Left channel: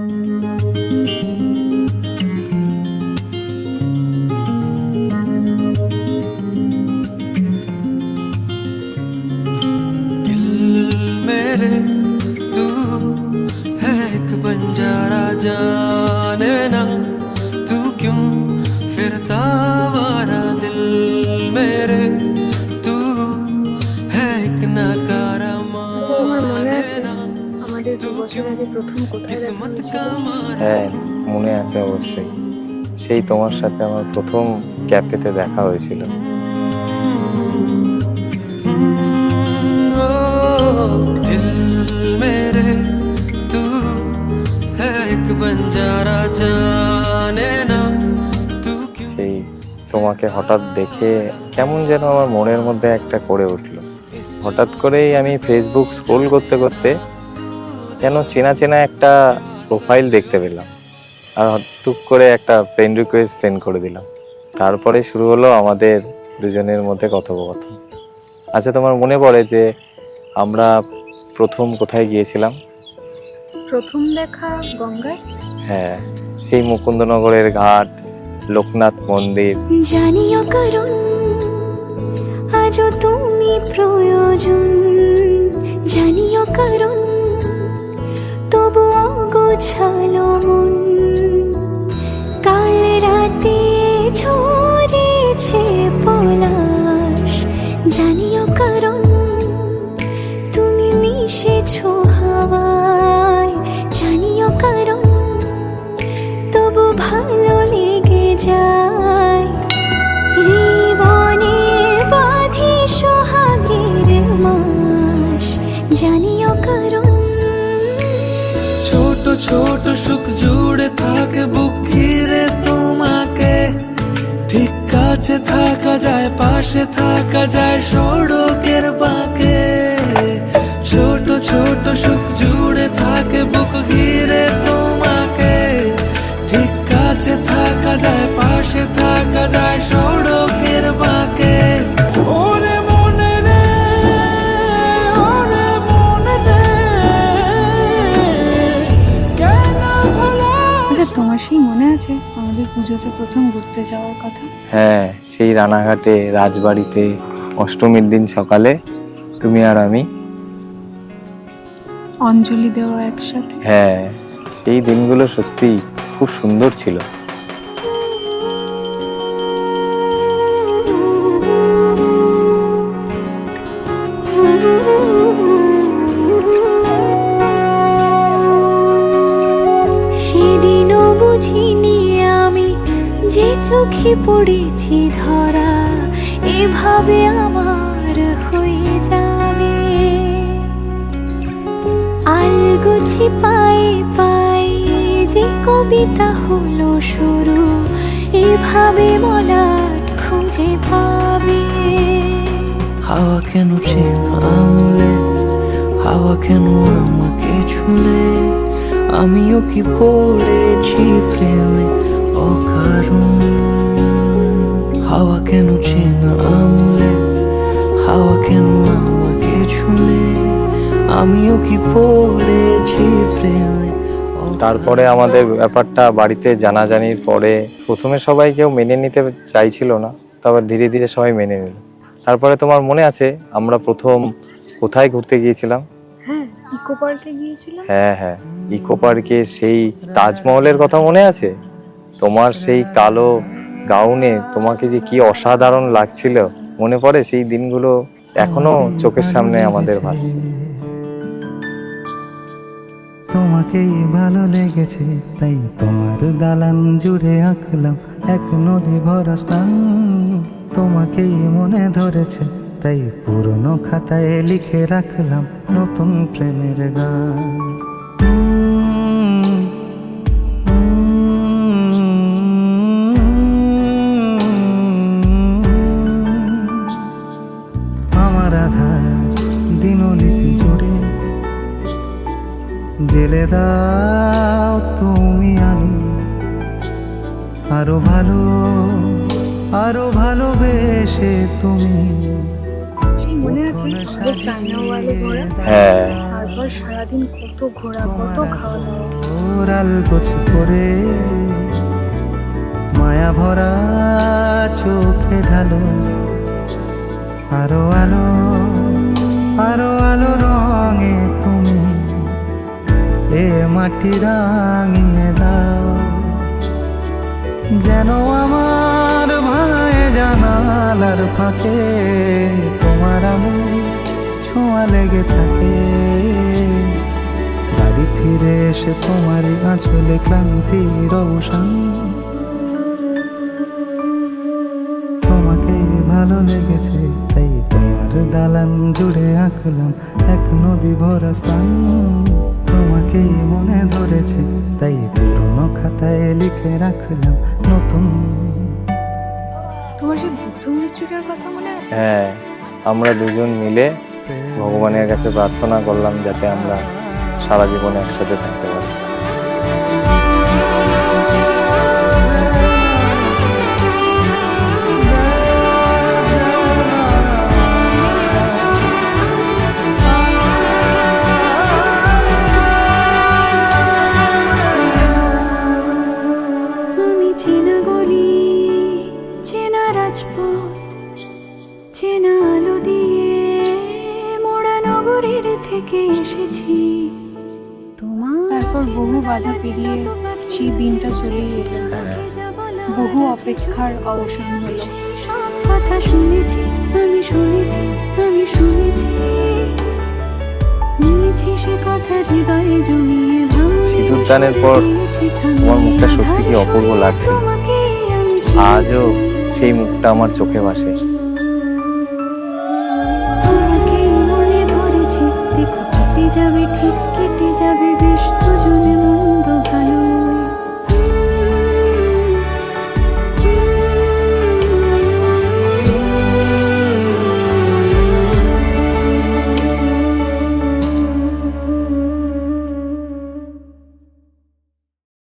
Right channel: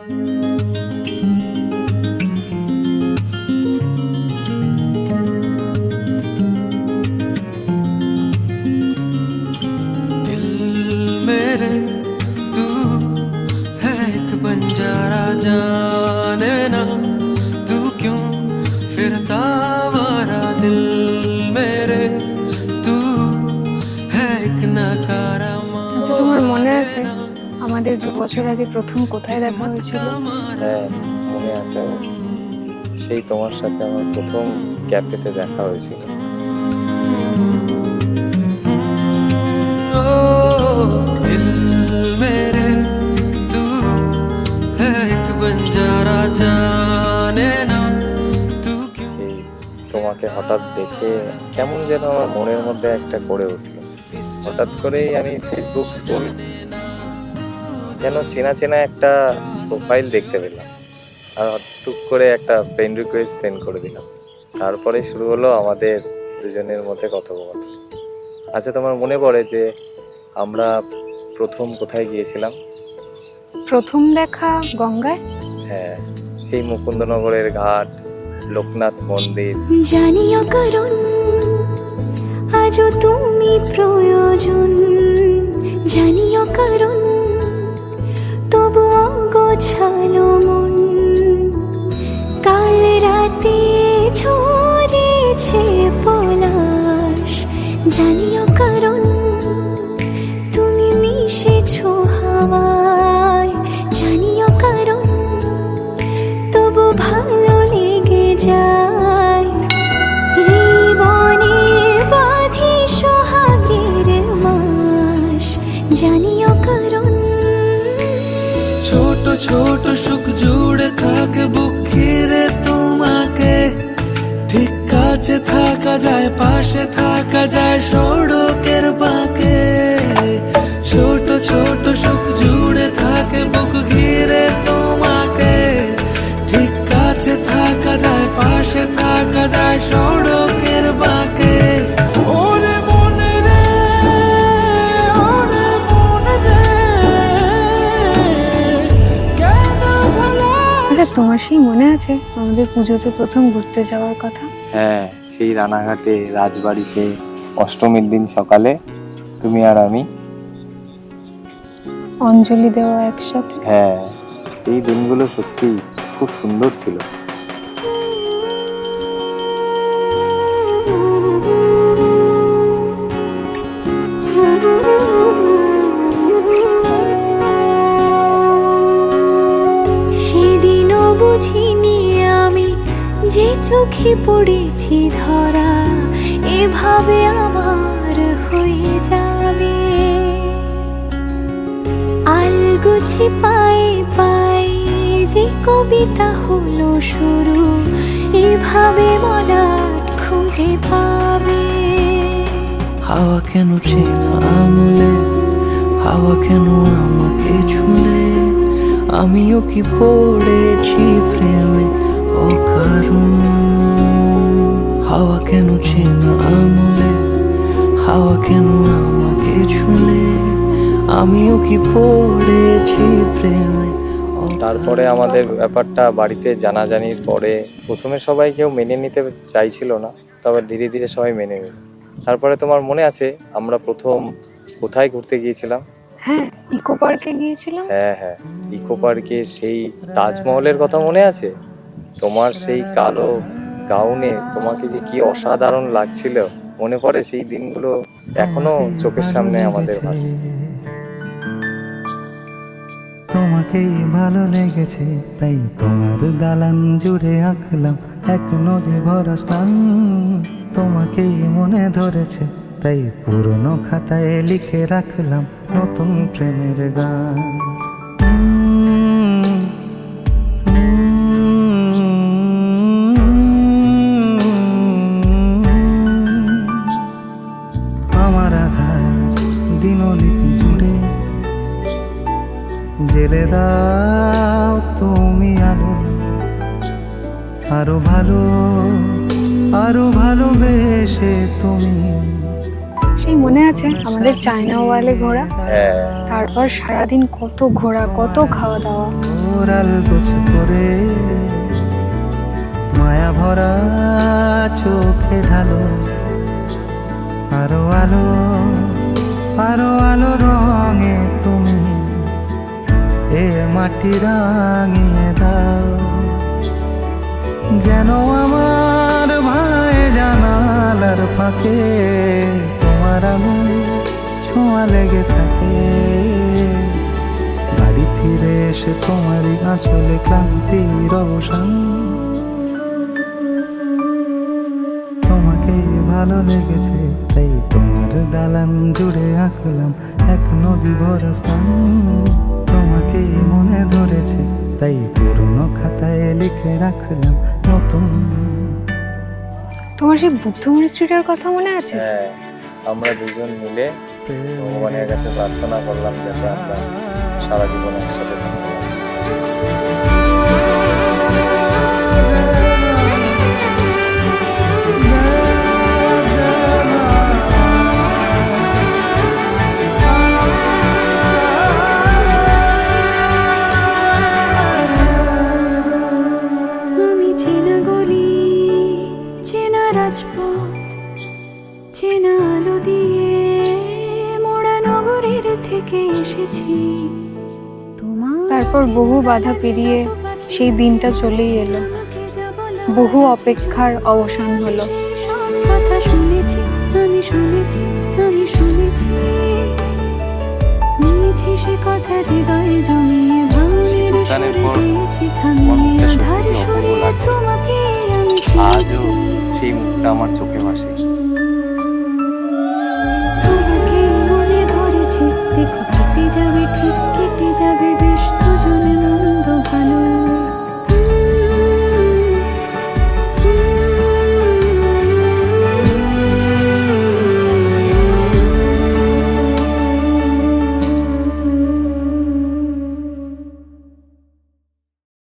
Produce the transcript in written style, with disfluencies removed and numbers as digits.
दिल मेरे तू है एक बंजारा, जाने ना तू क्यों फिरता आवारा। दिल मेरे तू है एक नकारा, माने ना আমাদের 2 বছর আগে প্রথম কোথায় দেখা किस्मत হয়েছিল? का मारा। হ্যাঁ, মনে আছে অবশ্যই। সেই তোমার সাথে আমার প্রথম ক্যাফেতে দেখা হয়েছিল। दिल मेरे तू है एक बंजारा, जाने ना तू क्यों। সেই তোমাকে হঠাৎ দেখে কেমন যেন আমার মনের মধ্যে একটা করে উঠলো। হঠাৎ করেই আমি ফেসবুক স্ক্রোল করতে করতে কেন চেনা চেনা একটা প্রোফাইল দেখতে পেলাম, আর টুক করে একটা ফ্রেন্ড রিকোয়েস্ট সেন্ড করে দিলাম। তারপরে শুরু হলো আমাদের দুজনের মধ্যে কথোপকথন। আচ্ছা, তোমার মনে পড়ে যে আমরা প্রথম কোথায় গিয়েছিলাম? প্রথম দেখা গঙ্গায়। হ্যাঁ, সেই মুকুন্দনগরের ঘাট, লোকনাথ মন্দির। জানিও কারণ আজও তুমি প্রয়োজন, জানিও কারণ তবু অগোছালো মন। কাল রাতে ঝরেছে পলাশ, জানিও কারণ তুমি মিশেছো হাওয়ায়, জানিও কারণ তবু ভালো লেগে যায়। জীবনে বাঁধি সোহাগের মাস, জানিও কারণ ছোট ছোট সুখ জুড়ে থাকে বুক ঘিরে তোমাকে। ঠিক কাছে থাকা যায়, পাশে থাকা যায় সড়কের বাঁকে। ছোট ছোট সুখ জুড়ে থাকে বুক ঘিরে তোমাকে। ঠিক কাছে থাকা যায়, পাশে থাকা যায় সড়কের বাঁকে। ওরে মনে রে, ওরে মনে রে, কেন ভোলা। আচ্ছা, তোমার সেই মনে আছে আমাদের পুজোতে প্রথম ঘুরতে যাওয়ার কথা? হ্যাঁ, সেই রানাঘাটে রাজবাড়িতে অষ্টমীর দিন সকালে তুমি আর আমি। অঞ্জলি দেওয়া একসাথে। হ্যাঁ, সেই দিনগুলো সত্যি খুব সুন্দর ছিল। সেদিনও বুঝিনি আমি যে চোখে পড়েছি ধরা, এভাবে আমার হয়ে যাবে। আলগোছে পায়ে পায়ে যে কবিতা হলো শুরু, এভাবে মলাট খুঁজে পাবে। হাওয়া কেন চেনা আঙুলে, হাওয়া কেন আমাকে ছুলে। আমিও কি পড়েছি প্রেমে অকারণ। হাওয়া কেন চেনা আঙুলে, হাওয়া কেন আমাকে ছুলে। আমিও কি পড়েছি প্রেমে। তারপরে আমাদের ব্যাপারটা বাড়িতে জানাজানির পরে প্রথমে সবাই কেউ মেনে নিতে চাইছিল না, তারপর ধীরে ধীরে সবাই মেনে নিল। তারপরে তোমার মনে আছে আমরা প্রথম কোথায় ঘুরতে গিয়েছিলাম? হ্যাঁ, ইকো পার্কে গিয়েছিলাম। হ্যাঁ হ্যাঁ, ইকো পার্কে সেই তাজমহলের কথা মনে আছে? তোমার সেই কালো গাউনে তোমাকে যে কি অসাধারণ লাগছিল, মনে পড়ে সেই দিনগুলো? এখনো চোখের সামনে আমাদের ভাসছে। তোমাকেই ভালো লেগেছে তাই তোমার দালান জুড়ে আঁকলাম এক নদী ভরা স্থান। তোমাকেই মনে ধরেছে তাই পুরনো খাতায় লিখে রাখলাম নতুন প্রেমের গান। আমার আধার দিনলিপি জুড়ে জেলে দাও তুমি আলো, আরো ভালো আরো ভালোবেসে তুমি। সেই মনে আছে আমাদের চায়না ওয়ালে ঘোরা? হ্যাঁ, তারপর সারাদিন কত ঘোরা, কত খাওয়া দাওয়া। তোর আলগোছে করে মায়া ভরা চোখে ঢালো আরো আলো আরো আলো রঙে তুমি এ মাটি রাঙিয়ে দাও যেন আমার ভাঙায় জানালার ফাঁকে তোমার আলো ছোঁয়া লেগে থাকে বাড়ি ফিরে এসে তোমারই আঁচলে ক্লান্তির অবসান তোমাকে ভালো লেগেছে তাই তোমার দালান জুড়ে আঁকলাম এক নদী ভরা স্থান তোমাকে মনে ধরেছে তাই পুরনো খাতায় লিখে রাখলাম নতুন। তোমার সেই বুদ্ধ মনিস্ট্রিটার কথা মনে আছে? হ্যাঁ, আমরা দুজন মিলে ভগবানের কাছে প্রার্থনা করলাম যাতে আমরা সারা জীবন একসাথে থাকতে পারি। আমি চেনা গলি চেনা রাজপথ চেনা আলো দিয়ে মোড়া নগরের থেকে এসেছি তোমার তারপর বহু বাধা পেরিয়ে সেই দিনটা চলেই এলো, বহু অপেক্ষার অবসান হলো। সব কথা শুনেছি আমি শুনেছি আমি শুনেছি নিয়েছি সে কথা হৃদয়ে জমিয়ে ভাঙনের সিঁদুরদানের সুরে পর দিয়েছি থামিয়ে মনটা আধার সত্যি অপূর্ব সরিয়ে লাগছে। তোমাকে আমি আজও চিনেছি সেই মুখটা আমার চোখে ভাসে। তোমাকে মনে ধরেছি দেখো কেটে যাবে ঠিক কেটে যাবে